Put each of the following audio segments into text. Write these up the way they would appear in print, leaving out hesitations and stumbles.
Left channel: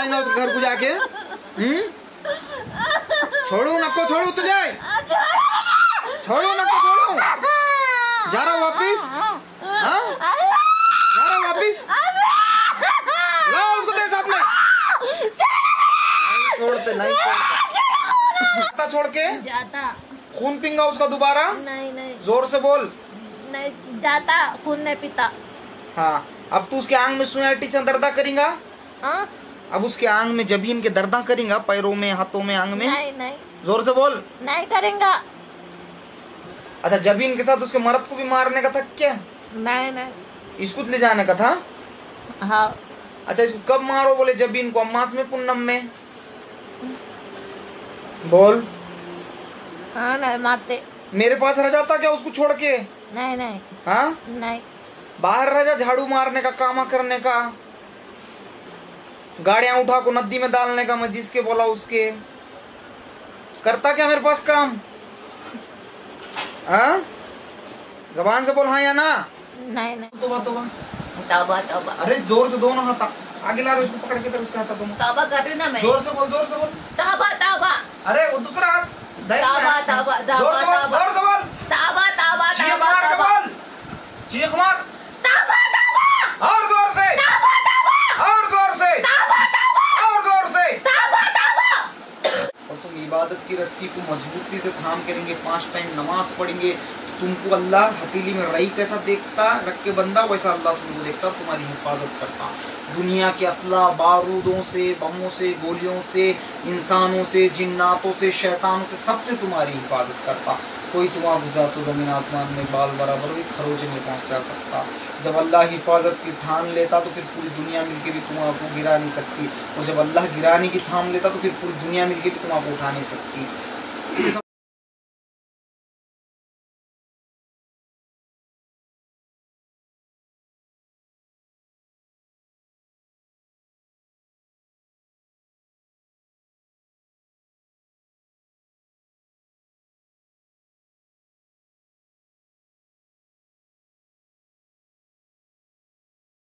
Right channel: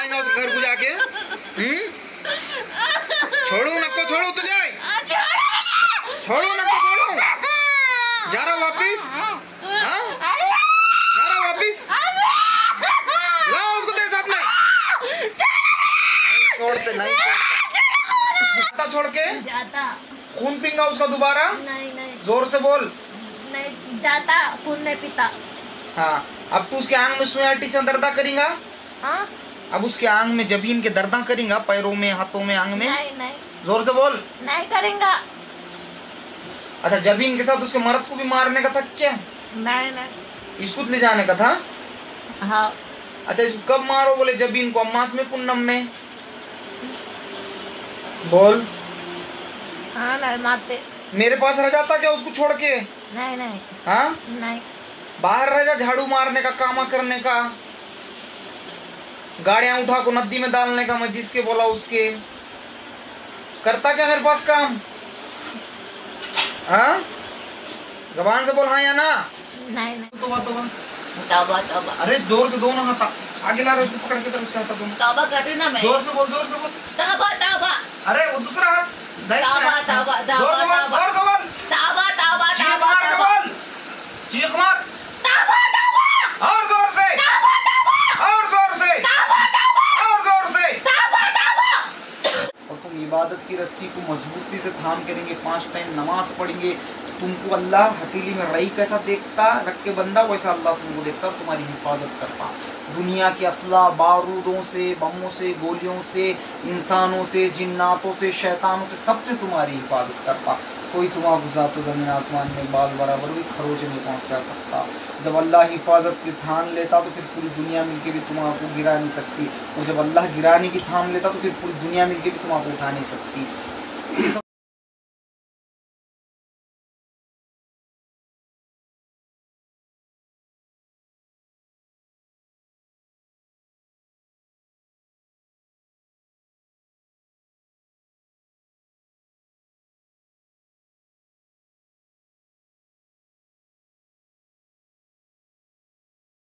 सताएंगा उसके घर को जाके। छोड़ो नको, छोड़ो तुझे, छोड़ो नको, छोड़ो। जा रहा वापिस, जा रहा वापिस। लाओ उसको तेरे साथ में। नहीं छोड़ते, नहीं छोड़ते। छोड़ के खून पीऊंगा उसका दोबारा। नहीं नहीं, जोर से बोल। नहीं जाता, खून नहीं पीता। हाँ, अब तू उसके आंग में सुया टीचर दर्दा करेगा। अब उसके आंग में जबीन के दर्दा करेगा, पैरों में, हाथों में, आंग में। नहीं नहीं, जोर से बोल। नहीं करेंगा। अच्छा, जबीन के साथ उसके मर्द को भी मारने का था क्या? नहीं नहीं, इसको ले जाने का था। हाँ। अच्छा, इसको कब मारो बोले जबीन को? अम्मास में, पूनम में? बोल। हाँ नहीं मारते। मेरे पास रह जाता क्या उसको छोड़ के? नहीं नहीं। हाँ नहीं, बाहर रह जा, झाड़ू मारने का, कामा करने का, गाड़ियां उठा को नदी में डालने का, मैं जिसके बोला उसके। करता क्या मेरे पास काम? हाँ, जबान से बोल हाँ या ना। नहीं नहीं, तौबा। तौबा। अरे जोर से दोनों हाथ आगे ला रहे, उसको पकड़ के उसका हाथ दोनों। तौबा कर रही ना मैं। जोर से बोल, जोर से बोल। तौबा तौबा। अरे वो दूसरा हाथ। तौबा तौबा तौबा तौबा तौबा तौबा तौबा। चीख मार। तौबा तौबा। और जोर से, तौबा तौबा। और जोर से, तौबा तौबा। और जोर से। तौबा तौबा। और तुम इबादत की रस्सी को मजबूती से थाम करेंगे, 5 टाइम नमाज पढ़ेंगे। तुमको अल्लाह हथेली में रई कैसा देखता रख के बंदा, वैसा अल्लाह तुमको देखता और तुम्हारी हिफाजत करता। दुनिया के असला, बारूदों से, बमों से, गोलियों से, इंसानों से, जिन्नातों से, शैतानों से, सबसे तुम्हारी हिफाजत करता। कोई तुम्हारा गुजरा तो जमीन आसमान में बाल बराबर भी खरोच नहीं पहुंचा सकता। जब अल्लाह हिफाजत की ठान लेता तो फिर पूरी दुनिया मिलके भी तुम्हारा गिरा नहीं सकती, और जब अल्लाह गिराने की थाम लेता तो फिर पूरी दुनिया मिलके भी तुम्हारा उठा नहीं सकती।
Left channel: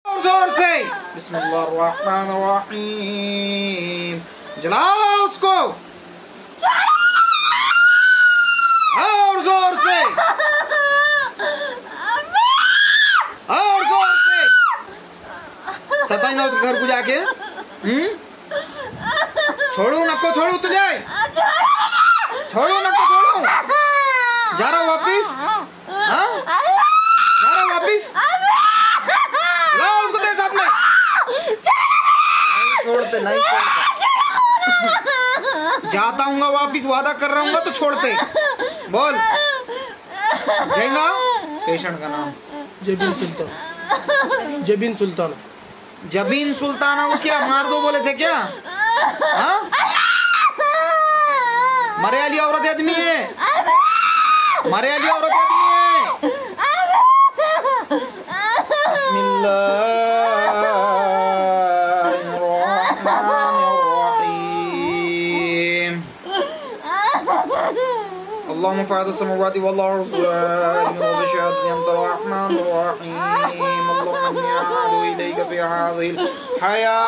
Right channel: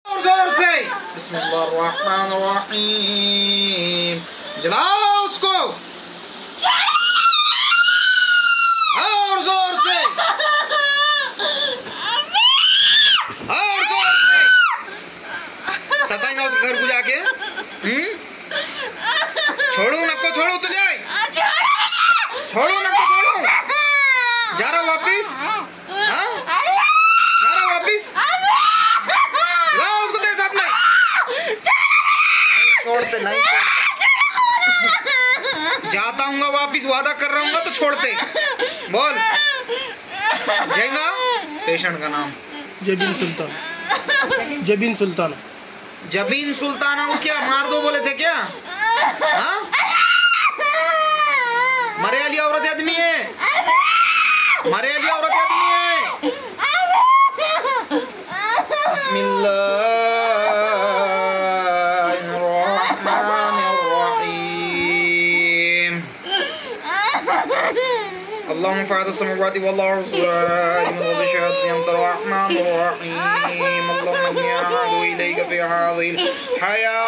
जोर से बिस्मिल्लाहिर्रहमानिर्रहीम। जलाओ उसको और जोर से, और जोर से। सताएंगा उसके घर को जाके। छोड़ो नको, छोड़ो तुझे, छोड़ो नको, छोड़ो। जा रहा वापिस, जा रहा वापिस। लाओ उसको तेरे साथ में। नहीं छोड़ते, नहीं छोड़ते। जाता हूँ वापिस, वादा कर रहा हूँ तो छोड़ते। बोल। जाएगा। पेशेंट का नाम जबीन सुल्तान। जबीन सुल्तान। जबीन सुल्ताना को क्या मार दो बोले थे क्या? हाँ, मरे वाली औरत आदमी है, मरे वाली औरत आदमी है। बिस्मिल्लाहिर्रहमानिर्रहीम। अल्लाहुम्मा फ़ातिह समावाति वल अर्ज़ व शहादति अंत अर्रहमानिर रहीम। अल्लाहुम्मा इन्नी अअूज़ु इलैका फ़ी हाज़िहिल हयात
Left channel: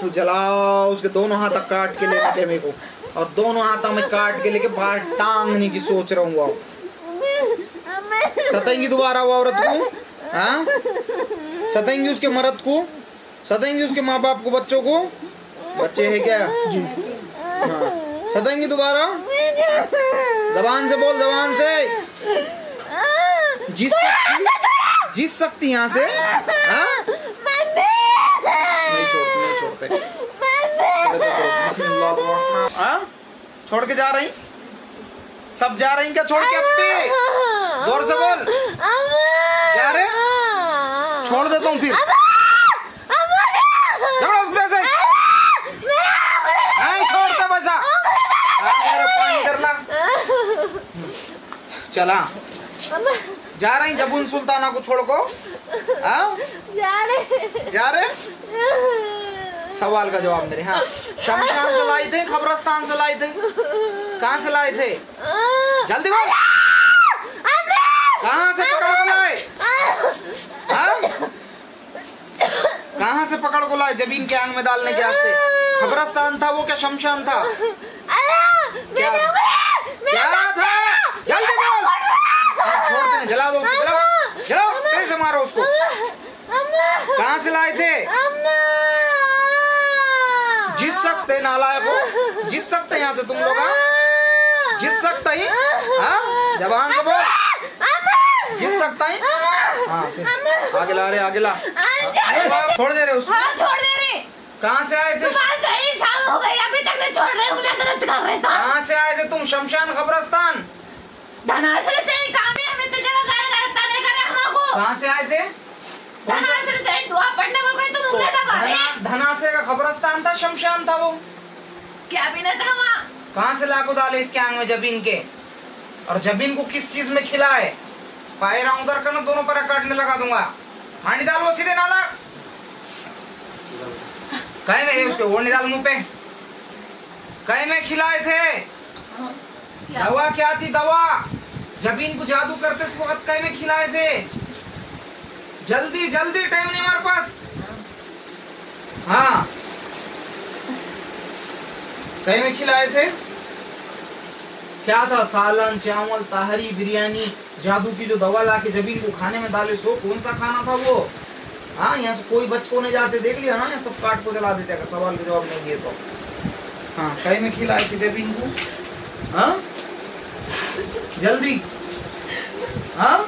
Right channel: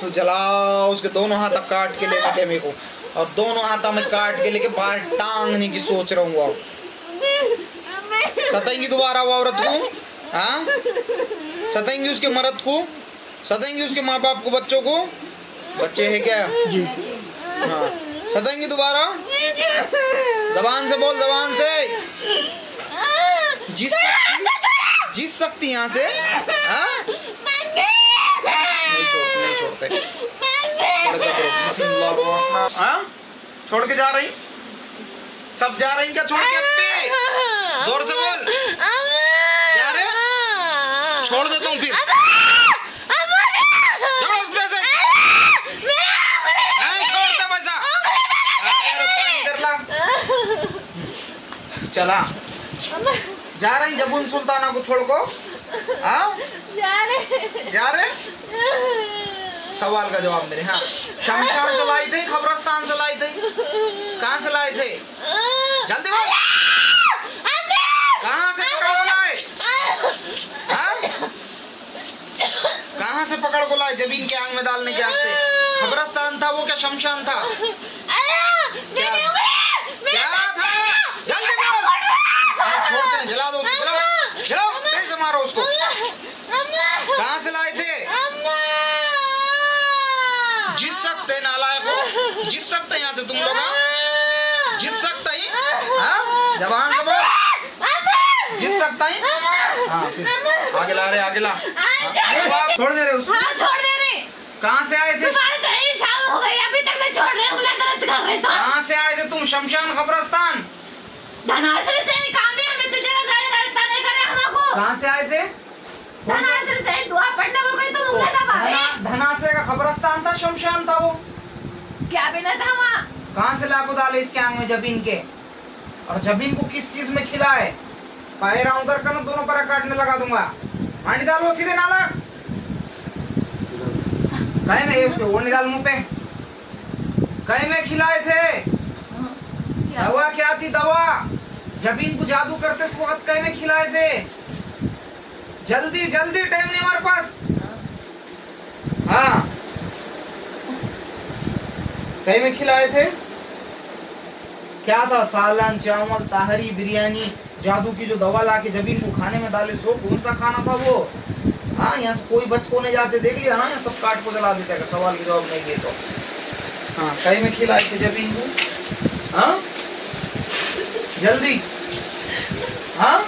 तो जलाओ उसके दोनों हाथ काट के लेके थे मेरे को, और दोनों हाथों में काट के लेके बाहर टांगने की सोच रहा हूँ। सताएंगी दोबारा वो औरत को? हाँ, सताएंगी उसके मर्द को, सताएंगी उसके माँ बाप को, बच्चों को। बच्चे हैं क्या? हाँ, सताएंगी दोबारा। जबान से बोल, जबान से। जिस सकती यहाँ से। हाँ, नहीं छोड़ते, नहीं छोड़ते। हाँ, छोड़ के जा रही, सब जा रही क्या छोड़ के? अपने जोर से बोल। जा रहे? छोड़ देता हूँ फिर। नहीं छोड़ते पैसा। पानी कर ला। चला अम्मा जा रही जबून सुल्ताना को छोड़ को? हाँ जा रहे सवाल का जवाब दे रहे। हाँ शमशान से लाए थे, कब्रिस्तान से लाए थे, कहाँ से लाए थे? जल्दी बोल। कहाँ से पकड़ को लाए? हाँ? कहाँ से पकड़ को लाए जबीन के आंग में डालने के वास्ते? कब्रिस्तान था वो क्या शमशान था? क्या था? जल्दी बोल। छोड़ देना, जला दो उसको, जलाओ जलाओ, तेज से मारो उसको। कहाँ से लाए थे? जीत सकते नालायक हो, जीत सकते यहाँ से तुम लोग? जीत सकते ही? हाँ जबान से बोल, जीत सकता है? हाँ फिर आगे ला रहे, आगे ला, छोड़ दे रहे उसको। हाँ छोड़ दे रहे। कहाँ से आए थे? शाम हो गई अभी तक नहीं छोड़ रहे, दर्द कर रहे। कहाँ से आए थे तुम? शमशान कब्रिस्तान धनासर से काम है, हमें तो जगह गाली गलौज नहीं करे हमको। कहाँ से आए थे? धनासर से दुआ पढ़ने बोल गई तो उंगली दबा है। धनासर का कब्रिस्तान था, शमशान था वो? क्या भी नहीं था वहाँ। कहाँ से लाखों डाले इसके आंग में जबीन के? और जबीन को किस चीज में खिलाए? पायरा उधर करना, दोनों पर काटने लगा दूंगा। हांडी डालो सीधे नाला, कहीं में उसके ओढ़ने डाल मुंह पे। कहीं में खिलाए थे? दवा क्या थी? दवा जबीन को जादू करते इस वक्त कहीं में खिलाए थे? जल्दी जल्दी, टाइम नहीं हमारे पास। हाँ कहीं में खिलाए थे? क्या था? सालन, चावल, ताहरी, बिरयानी, जादू की जो दवा ला के जबीन को खाने में डाले, सो कौन सा खाना था वो? हाँ यहाँ से कोई बच को नहीं जाते, देख लिया ना, सब काट को जला देते अगर सवाल के जवाब नहीं दिए तो। हाँ कहीं में खिलाए थे जबीन को? हाँ जल्दी, हाँ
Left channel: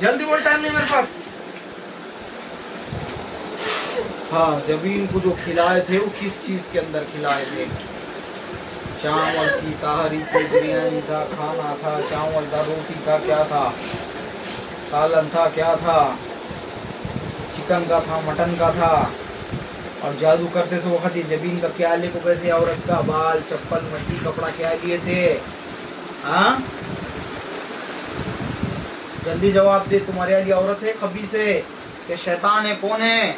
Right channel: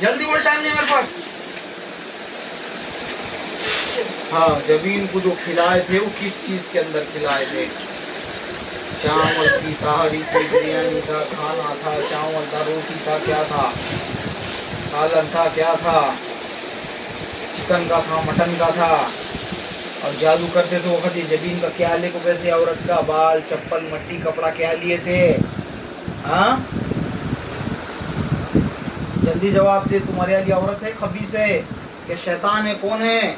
जल्दी बोल, टाइम नहीं मेरे पास। हाँ जबीन को जो खिलाए थे वो किस चीज के अंदर खिलाए थे? चावल थी, ताहरी थी, बिरयानी था, खाना था, चावल था, रोटी था, क्या था? सालन था, क्या था? चिकन का था, मटन का था? और जादू करते से वक्त ये जबीन का क्या ले को गए थे? औरत का बाल, चप्पल, मट्टी, कपड़ा क्या लिए थे? हाँ जल्दी जवाब दे। तुम्हारे वाली औरत है, खबीस है, या शैतान है? कौन है?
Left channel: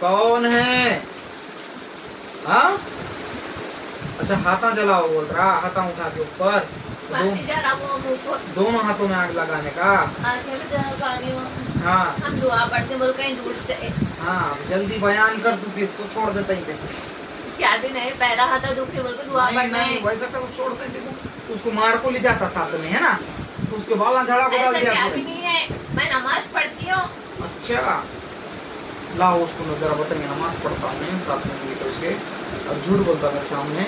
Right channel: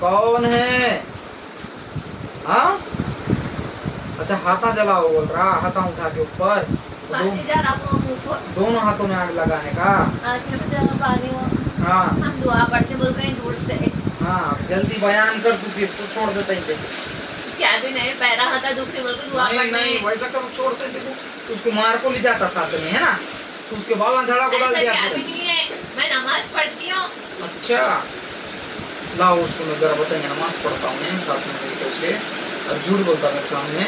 कौन है? हाँ अच्छा हाथा जलाओ बोल रहा, हाथा उठा के ऊपर, दोनों हाथों में आग लगाने का। हाँ हम दुआ पढ़ते बोल कहीं दूर से। हाँ जल्दी बयान कर तू, फिर तो छोड़ देता ही थे। क्या भी नहीं, पैरा हाथा दुखने बोल के दुआ पढ़ने। नहीं वैसा कर, छोड़ते थे तो उसको मार को ले जाता साथ में, है ना? तो उसके बाल झाड़ा को डाल दिया। क्या भी नहीं है, मैं नमाज पढ़ती हूँ। अच्छा लाओ उसको जरा बताइए, नमाज पढ़ता हूँ साथ में मिलकर उसके, और झूठ बोलता मेरे सामने।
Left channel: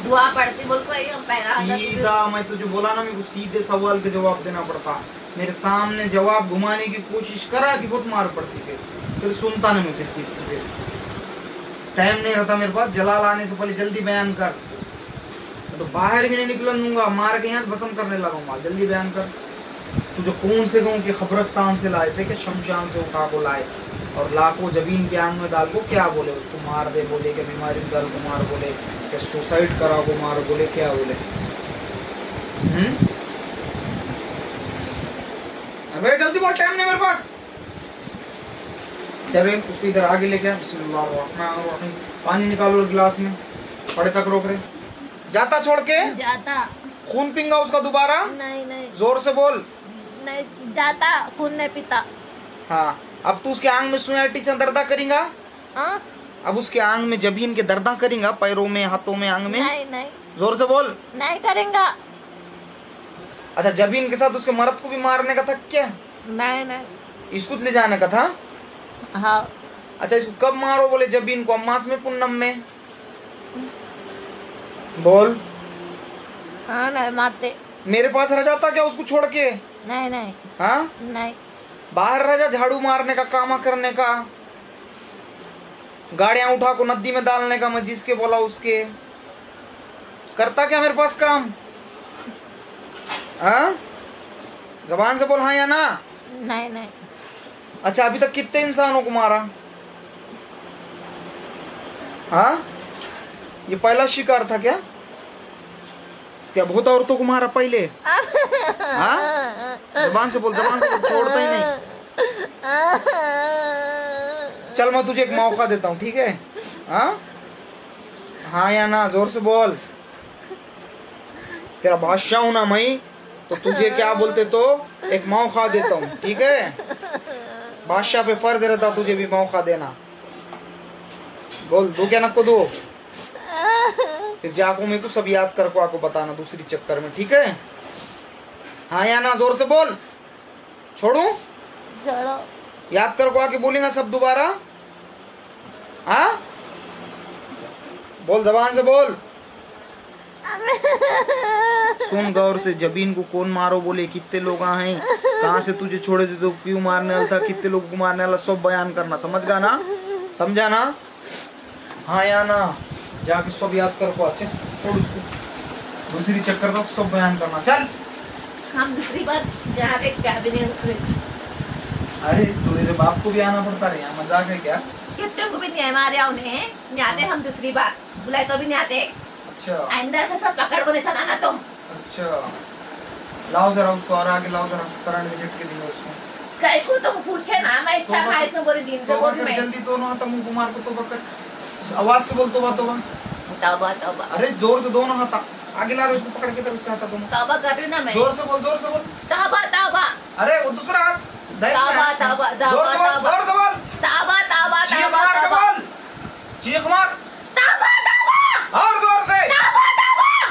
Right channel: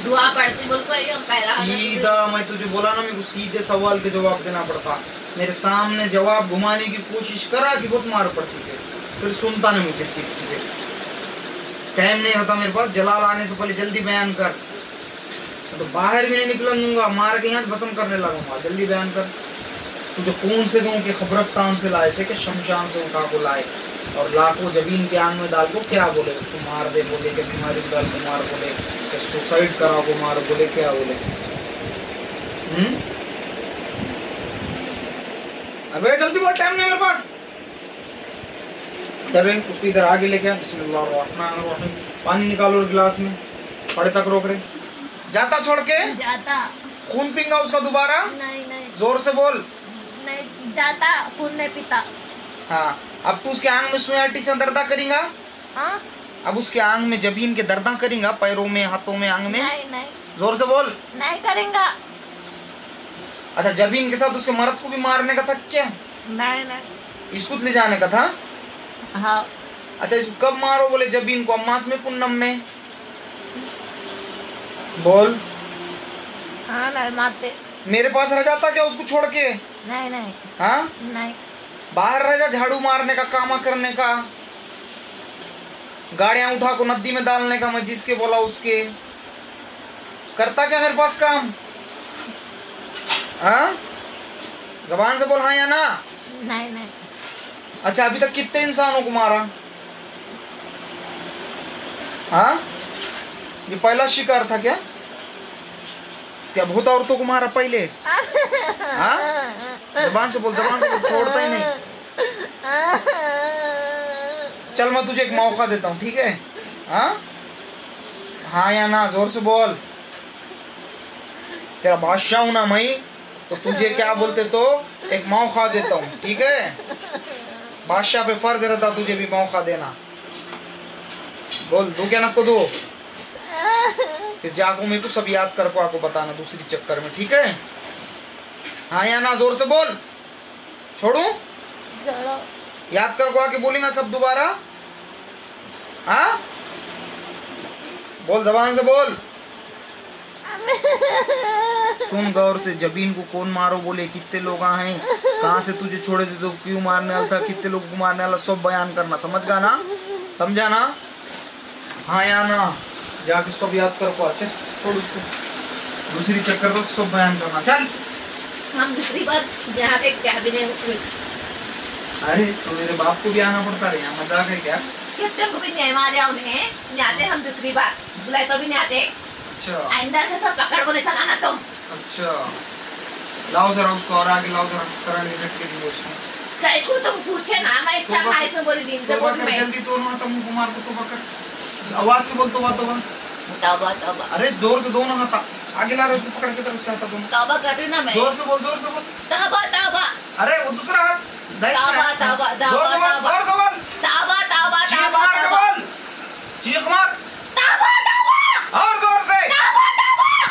दुआ पढ़ती बोल को पैरा सीधा मैं तुझे बोला ना, मेरे को सीधे सवाल के जवाब देना पड़ता। मेरे सामने जवाब घुमाने की कोशिश करा कि बहुत मार पड़ती थी, फिर सुनता नहीं मुझे किसी। टाइम नहीं होता मेरे पास, जलाल आने से पहले जल्दी बयान कर, तो बाहर भी नहीं निकलन दूंगा, मार के यहाँ भस्म करने लगूंगा। जल्दी बयान कर, तुझे कौन से गाँव के कब्रिस्तान से लाए थे कि शमशान से उठा को लाए? और लाखों जबीन के आंग में डाल को क्या बोले? उसको मार दे बोले, कि बीमारी डाल को मार बोले, कि सुसाइड करा को मार बोले, क्या बोले? अबे जल्दी बोल, टाइम नहीं मेरे पास। चल उसको इधर आगे लेके, बिस्मिल्लाह, पानी निकालो गिलास में, पड़े तक रोक रहे। जाता छोड़ के? जाता। खून पींगा उसका दोबारा? नहीं नहीं। जोर से बोल। नहीं जाता, खून नहीं पीता। हाँ अब तू उसके आंग में सुई टीचा दर्दा करेगा? हाँ? अब उसके आंग में जबीन के दर्दा करेगा, पैरों में, हाथों में, आंग में? नहीं नहीं। जोर से बोल। नहीं करेगा। अच्छा जबीन के साथ उसके मर्द को भी मारने का था क्या? नहीं नहीं। इसको ले जाने का था? हाँ। अच्छा इसको कब मारो बोले जबीन को? अम्मास में, पुन्नम में? बोल। हाँ नहीं मारते। मेरे पास रह जाता क्या उसको छोड़ के? नहीं नहीं। हाँ नहीं। बाहर रह जा, झाड़ू मारने का, काम करने का, गाड़ियां उठा को नदी में डालने का, मैं जिसके बोला उसके। करता क्या मेरे पास काम? हाँ जबान से बोल हाँ या ना? नहीं नहीं। अच्छा अभी तक कितने इंसानों को मारा? हाँ ये पहला शिकार था क्या? क्या बहुत औरतों को मारा पहले? हाँ, जबान से बोल, छोड़ता ही नहीं। चल मैं तुझे एक मौका देता हूँ, ठीक है? हाँ या ना, जोर से बोल। तेरा बादशाह हूं ना मैं, तो तुझे क्या बोलते तो एक मौका देता हूँ, ठीक है? बादशाह पे फर्ज रहता तुझे भी मौका देना। बोल, दो क्या नको दो? फिर जाको मैं तो सब याद कर को आपको बताना दूसरी चक्कर में, ठीक है? हाँ या ना, जोर से बोल। छोड़ू? याद कर को आके बोलेगा सब दोबारा। हाँ, बोल, जबान से बोल। सुन गौर से, जबीन को कौन मारो बोले, कितने लोग हैं, कहाँ से तुझे छोड़े थे तो क्यों मारने वाला था, कितने लोगों को मारने वाला, सब बयान करना। समझ गया ना? समझा ना? हाँ या ना, जाके सब याद कर को। अच्छा छोड़ उसको, दूसरी चक्कर तो सब बयान करना। चल हम दूसरी बार यहाँ पे क्या भी नहीं। अरे तो तेरे बाप को भी आना पड़ता है यहाँ, मजाक है क्या? कितने को भी नहीं मारे उन्हें, जाते हम दूसरी बार बुलाए तो भी नहीं आते। अच्छा, आइंदा से सब पकड़ को नहीं चलाना तुम। अच्छा, लाओ जरा उसको और आगे लाओ जरा, कराने झटके दिए उसको। कैसे तुम पूछे ना, मैं इच्छा था इसमें बोली दिन से बोल मैं जल्दी तो ना, तुम कुमार को तो बकर आवाज से बोल, तौबा तौबा। तौबा। अरे जोर से दोनों हाथ आगे ला रहे, उसको पकड़ के उसके हाथ दोनों। तौबा कर रही ना मैं। जोर से बोल, जोर से बोल। तौबा। अरे वो दूसरा हाथ। तौबा। जोर से बोल। चीख मार। और जोर से।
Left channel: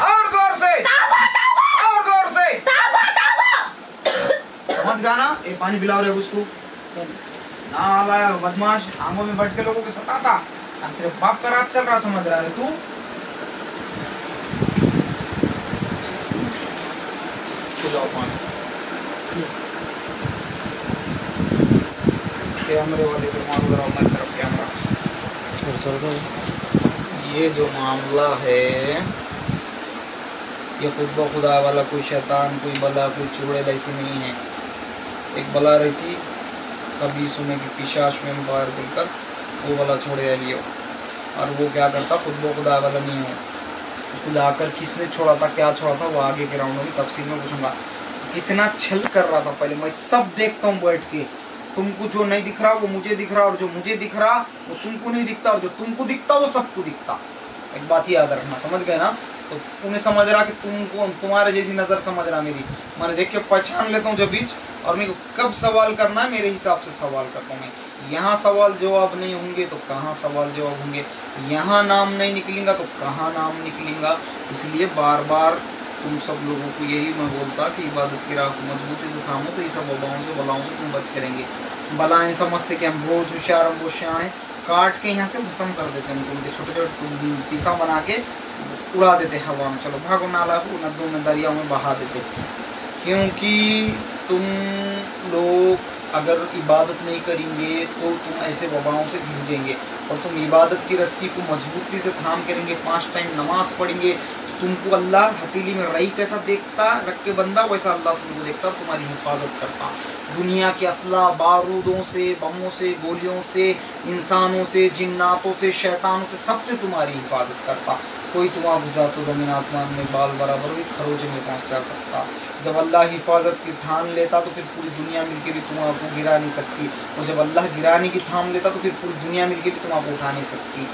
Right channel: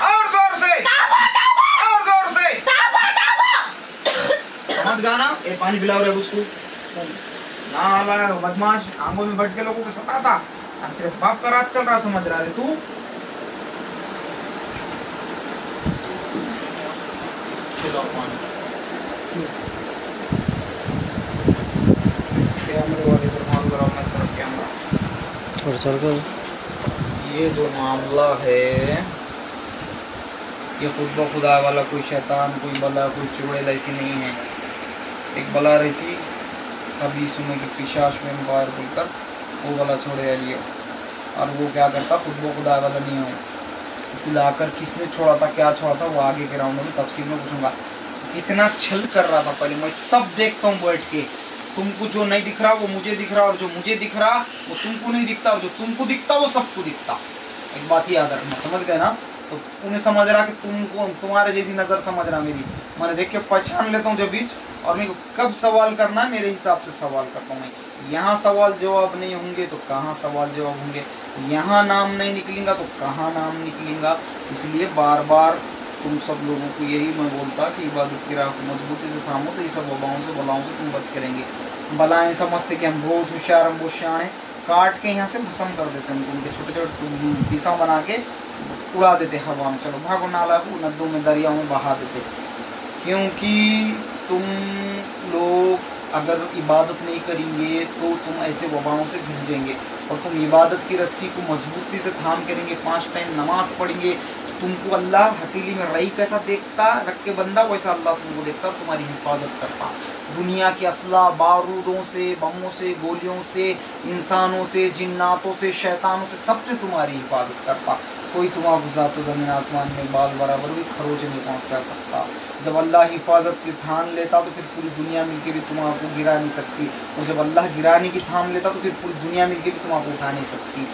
और जोर से। और जोर से। समझ गाना? ये पानी पिलाओ रे उसको। नाला बदमाश, आंगों में बैठ के लोगों को सताता। तेरे बाप का रात चल रहा, समझ रहा है तू? कैमरे वाले को मारो जरा, मेरी तरफ कैमरा। और सर को ये जो मामला है, ये खुदा वाला कोई शैतान, कोई बला, कोई चुड़ैल ऐसी नहीं है। एक बला रहती, कभी सुने कि पिशाच में बाहर बोलकर वो वाला छोड़े लियो, और वो क्या करता, खुदा वाला नहीं हो। उसको लाकर किसने छोड़ा था, क्या छोड़ा था, वो आगे के राउंड में तफसील में पूछूंगा। कितना छल कर रहा था पहले, मैं सब देखता हूँ बैठ के। तुमको जो नहीं दिख रहा वो मुझे दिख रहा, और जो मुझे दिख रहा वो तुमको नहीं दिखता, और जो तुमको दिखता वो सबको दिखता। एक बात याद रखना, समझ गए ना? तो उन्हें समझ रहा कि तुमको, तुम्हारे जैसी नजर समझ रहा मेरी, मैंने देख के पहचान लेता हूँ जब बीच, और मेरे को कब सवाल करना है मेरे हिसाब से सवाल करता हूँ मैं। यहाँ सवाल जवाब नहीं होंगे तो कहाँ सवाल जवाब होंगे, यहाँ नाम नहीं निकलेगा तो कहाँ नाम निकलेगा। इसलिए बार बार तुम सब लोगों को यही मैं बोलता कि इबादत की राह को मजबूती से थामो, तो ये सब वबाओं से बलाओं से तुम बच करेंगे। बलाएं समझते कि हम बहुत होशियार, हम बहुत शान है, काट के यहाँ से भस्म कर देते हैं उनके छोटे छोटे पीसा बना के उड़ा देते हवा में। चलो भागो, नाला को नदियों में दरियाओं में बहा देते। क्योंकि तुम लोग अगर इबादत नहीं करेंगे तो तुम ऐसे वबाओं से घिंजेंगे, और तुम इबादत की रस्सी को मजबूती से थाम करेंगे, 5 टाइम नमाज पढ़ेंगे, तुमको अल्लाह हथेली में रई कैसा देखता रख के बंदा, वैसा अल्लाह तुमको देखता और तुम्हारी हिफाजत करता। दुनिया के असला, बारूदों से, बमों से, गोलियों से, इंसानों से, जिन्नातों से, शैतानों से, सबसे तुम्हारी हिफाजत करता। कोई तुम्हारा गुजार तो जमीन आसमान में बाल बराबर भी खरोच में पहुंच जा सकता। जब अल्लाह हिफाजत की ठान लेता तो फिर पूरी दुनिया मिलके भी तुम्हारा गिरा नहीं सकती, और जब अल्लाह गिराने की ठान लेता तो फिर पूरी दुनिया मिलके भी तुम्हारा उठा नहीं सकती।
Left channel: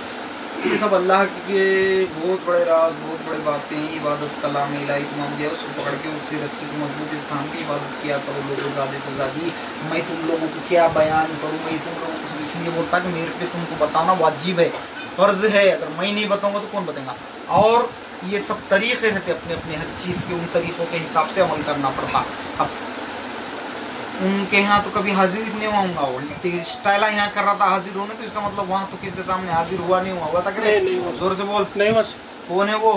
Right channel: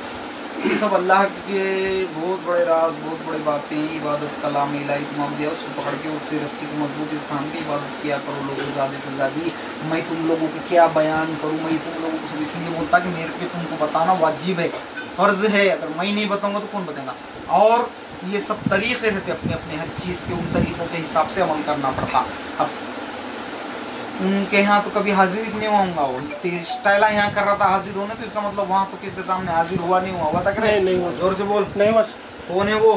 ये सब अल्लाह के बहुत बड़े राज, बहुत बड़ी बातें। इबादत कलाम इलाही तमाम दिया, उसको पकड़ के उससे रस्सी को मजबूती से थाम के इबादत किया करो लोगों, ज़्यादा से ज़्यादा। मैं तुम लोगों को क्या बयान करूँ, मैं तुम लोगों को इसलिए बोलता कि मेरे पे तुमको बताना वाजिब है, फर्ज है। अगर मैं नहीं बताऊंगा तो कौन बताएगा? और ये सब तरीके रहते अपने अपने, हर चीज़ के उन तरीकों के हिसाब से अमल करना पड़ता। अब उनके यहाँ तो कभी हाजिर नहीं हुआ, वो स्टाइला यहाँ कर रहा था हाजिर होने, तो इसका मतलब वहाँ तो किसके सामने हाजिर हुआ नहीं हुआ था? नहीं, जोर से बोल। नहीं बस। कौन है वो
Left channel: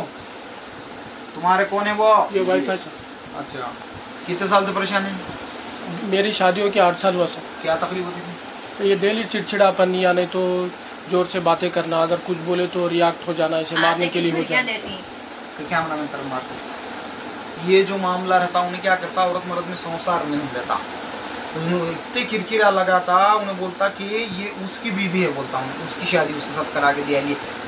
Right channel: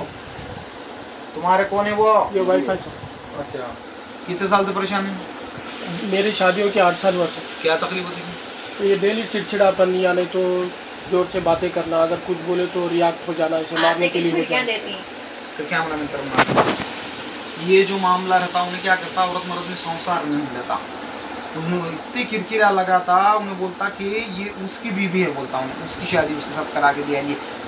तुम्हारे? कौन है वो? ये वाईफाई सर। अच्छा, कितने साल से परेशान है? मेरी शादियों के 8 साल हुआ सर। क्या तकलीफ होती है? ये डेली चिड़चिड़ापन, या नहीं तो जोर से बातें करना, अगर कुछ बोले तो रिएक्ट हो जाना, इसे मारने के लिए हो जाए। तो क्या ये जो मामला रहता उन्हें क्या करता, औरत मर्द में संसार नहीं देता। इतने किरकिरा लगा था, उन्हें बोलता कि ये उसकी बीवी है, बोलता हूँ उसकी शादी उसके साथ करा के दिया।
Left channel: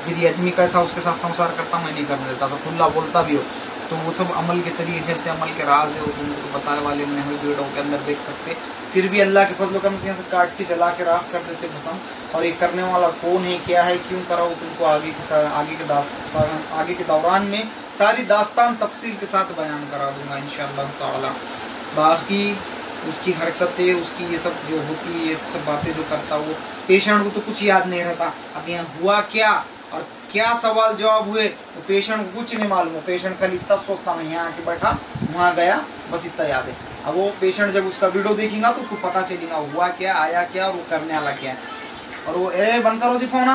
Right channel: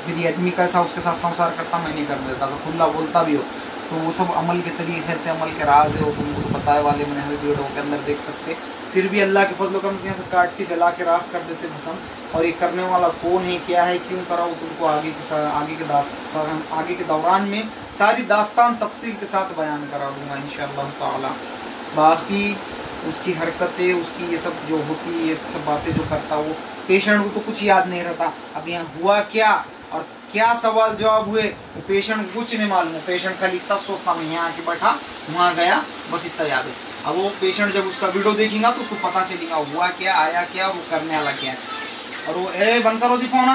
फिर ये आदमी कैसा उसके साथ संसार करता, मैं नहीं कर देता था, खुला बोलता भी हो। तो वो सब अमल के तरीके थे, अमल के राज है, वो तुमको तो बताए वाले मैंने वीडियो के अंदर देख सकते। फिर भी अल्लाह के फजल करम से यहाँ से काट के जला के राख कर देते भस्म। और ये करने वाला कौन है, क्या है, क्यों करा, वो तुमको आगे के दौरान में सारी दास्तान तफसील के साथ बयान करा दूंगा इंशाअल्लाह ताला। बाकी उसकी हरकतें, उसकी ये सब जो होती है, ये सब बातें जो करता, वो पेशेंट को तो कुछ याद नहीं रहता। अब यहाँ हुआ क्या और क्या सवाल जवाब हुए, वो पेशेंट को कुछ नहीं मालूम। पेशेंट खाली इतना सोचता मैं यहाँ आके बैठा, वहां गया, बस इतना याद है। अब वो पेशेंट जब उसका वीडियो देखेगा तो उसको पता चलेगा हुआ क्या, आया क्या, और वो करने वाला क्या है। और वो बंद करो जी फोन।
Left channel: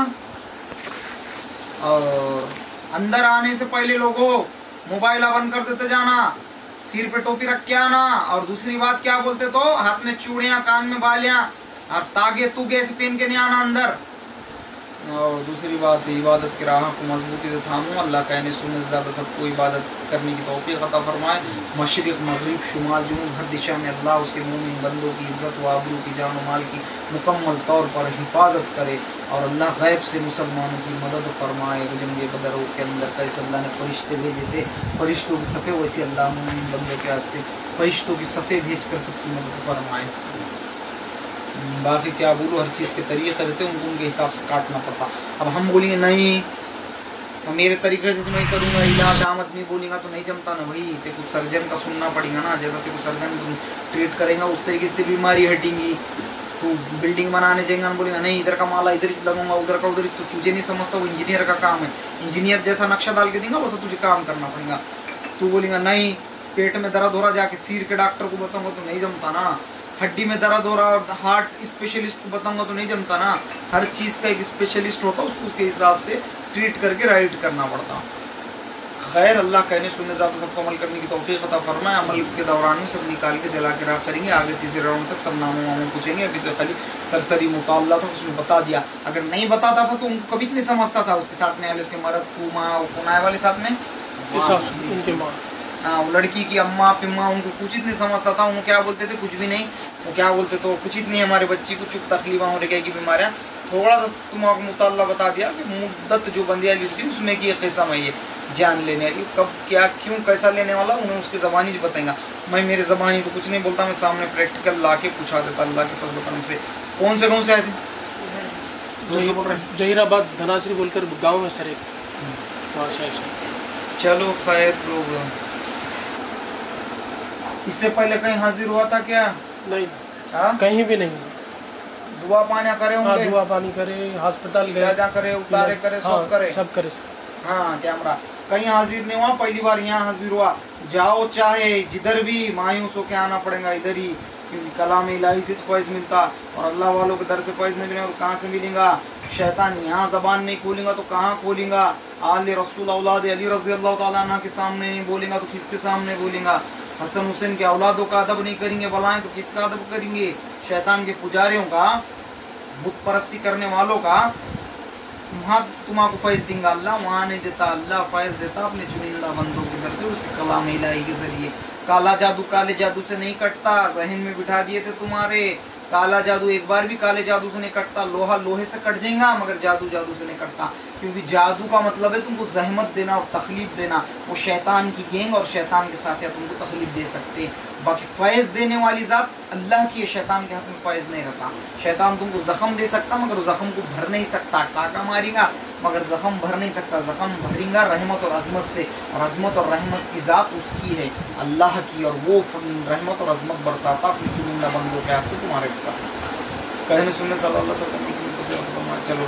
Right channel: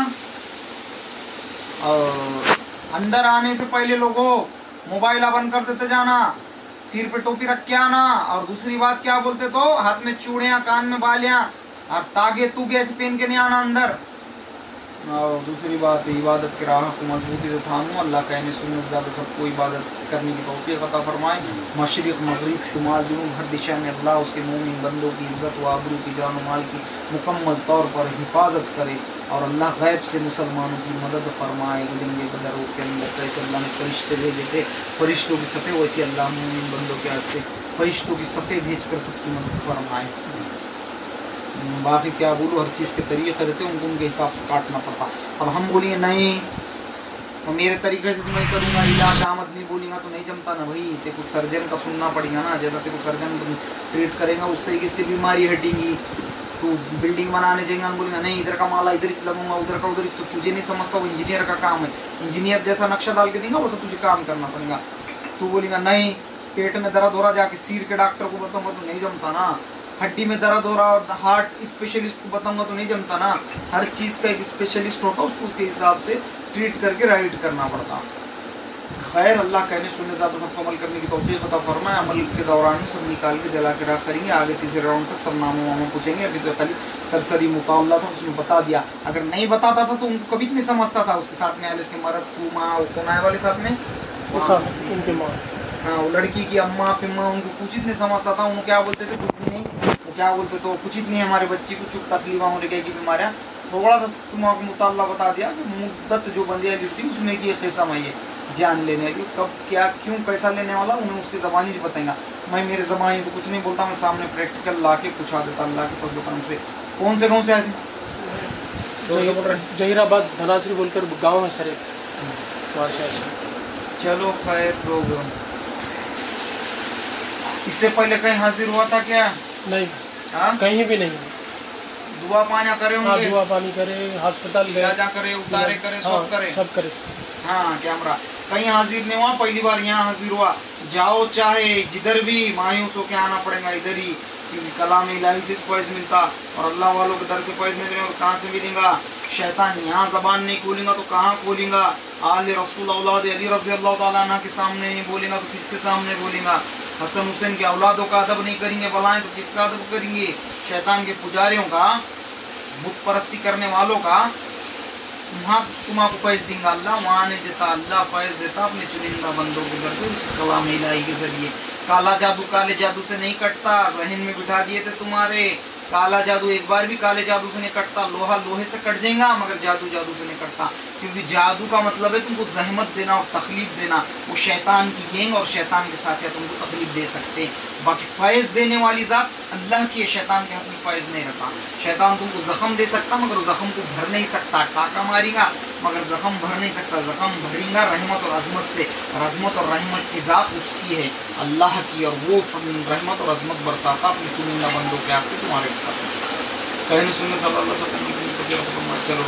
और अंदर आने से पहले लोगों मोबाइल बंद कर देते जाना, सिर पे टोपी रख के आना। और दूसरी बात क्या बोलते तो, हाथ में चूड़ियां, कान में बालियां और तागे तुगे ऐसे पहन के नहीं आना अंदर। और दूसरी बात इबादत की राह को मजबूती से थामो। अल्लाह कहने सुनने से ज्यादा सबको इबादत करने की तौफीक अता फरमाए। मशरिक मगरिब शुमाल जुनूब हर दिशा में अल्लाह उसके मोमिन बंदों की इज्जत व आबरू की, जान व माल की मुकम्मल तौर पर हिफाजत करे। और अल्लाह गैब से मुसलमानों की मदद फरमाए। जंग बदर के अंदर कैसे अल्लाह ने फरिश्ते भेजे थे, फरिश्तों की सफ़े, वैसे अल्लाह मोमिन बंदों के वास्ते फरिश्तों की सफ़े भेज कर सबकी मदद फरमाए। बाकी क्या बोलूँ, हर चीज़ के तरीके रहते हैं, उनको उनके हिसाब से काटना पड़ता। अब हम बोलेंगे नहीं तो मेरे तरीके से मैं करूँगा, इलाज आमद नहीं बोलेगा तो नहीं जमता ना भाई। तेरे को सर्जन का सुनना पड़ेगा ना, जैसा तेरे को सर्जन ट्रीट करेगा उस तरीके से बीमारी हटेगी। तो बिल्डिंग बनाने जाएंगे, हम बोलेंगे नहीं इधर का माला इधर ही लगूंगा, उधर का उधर, तो तुझे नहीं समझता, वो इंजीनियर का काम है। इंजीनियर जैसा नक्शा डाल के देंगे वैसा तुझे काम करना पड़ेगा। तू बोलेगा नहीं पेट में दर्द हो रहा, जाके सिर के डॉक्टर को बताऊंगा तो नहीं जमता ना। हड्डी में दर्द हो रहा, हार्ट स्पेशलिस्ट को बताऊंगा तो नहीं जमता ना। हर चीज का एक स्पेशलिस्ट होता, उसको उसके हिसाब से ट्रीट करके राइट करना पड़ता। खैर अल्लाह कहने सुनने ज्यादा सबको अमल करने की तौफीक अता फरमाए। अमल के दौरान में सब निकाल के जला के राख करेंगे। आगे तीसरे राउंड तक सब नाम वाम पूछेंगे। अभी तो खाली सरसरी मुताला था, उसने बता दिया। अगर नहीं बताता था तो उनको कभी नहीं समझता था। उसके साथ में आए, उसके मर्द को माँ कौन आए वाले साथ में उनके माँ, हाँ वो लड़की की अम्मा पिम्मा, उनको कुछ नहीं समझता था। उनको क्या बोलते थे, कुछ भी नहीं। वो क्या बोलते तो कुछ नहीं, हमारे बच्ची को चुप तकलीफा होने की बीमारियां। थोड़ा सा तुम्हारा मुताला बता दिया कि मुद्दत जो बंदिया ली थी उसमें की किस्म है, ये जान लेने वाली, कब क्या क्यों कैसा लेने वाला, उन्हें उसके जबानी ही बताएगा। मैं मेरे जबानी तो कुछ नहीं बोलता, मैं सामने प्रैक्टिकल ला के पूछा देता अल्लाह के फजल करम से। कौन से गाँव से आए थे? जहीराबाद धनासरी बोलकर गाँव है सर। चलो खैर लोग, इससे पहले कहीं हाजिर हुआ था क्या? नहीं, कहीं भी नहीं। दुआ पानी करे होंगे? हाँ, दुआ पानी करे, अस्पताल गए, जा करे, उतारे करे, सब करे, सब करे। हाँ कैमरा कहीं हाजिर नहीं हुआ, पहली बार यहाँ हाजिर हुआ। जाओ चाहे जिधर भी, मायूस होके आना पड़ेगा इधर ही। कलाम इलाही से फैज मिलता, और अल्लाह वालों के दर से फैज नहीं मिलेगा तो कहाँ से मिलेगा? शैतान यहाँ जबान नहीं खोलेगा तो कहाँ खोलेगा? आले रसूल औलाद अली रज़ी अल्लाह ताला अन्हु के सामने नहीं बोलेगा तो किसके सामने बोलेगा? हसन हुसैन के औलादों का अदब नहीं करेंगे बुलाएं तो किसका अदब करेंगे? शैतान के पुजारियों का, बुत परस्ती करने वालों का। वहाँ तुम्हारा फैज देंगे अल्लाह, वहाँ नहीं देता। अल्लाह फैज देता अपने चुनिंदा बंदों के दर से, उसके कलाम इलाही के जरिए। काला जादू काले जादू से नहीं कटता, जहन में बिठा दिए थे तुम्हारे। काला जादू एक बार भी काले जादू से नहीं कटता। लोहा लोहे से कट जाएगा, मगर जादू जादू से नहीं कटता। क्योंकि जादू का मतलब है तुमको जहमत देना और तकलीफ देना। वो शैतान की गैंग और शैतान के साथ तुमको तकलीफ दे सकते। बाकी फैज देने वाली जात अल्लाह की है, शैतान के हाथ में फैज नहीं रहता। शैतान तुमको जख्म दे सकता, मगर उस जख्म को भर नहीं सकता। टाका मारेगा मगर जख्म भर नहीं सकता। जख्म भरेगा रहमत और अजमत से, और अजमत और रहमत की जात उसकी है, अल्लाह की। और वो रहमत और अजमत बरसाता अपनी चुनिंदा बंदों के हाथ से तुम्हारे कहने सुनने सल्लल्लाहु अलैहि वसल्लम। चलो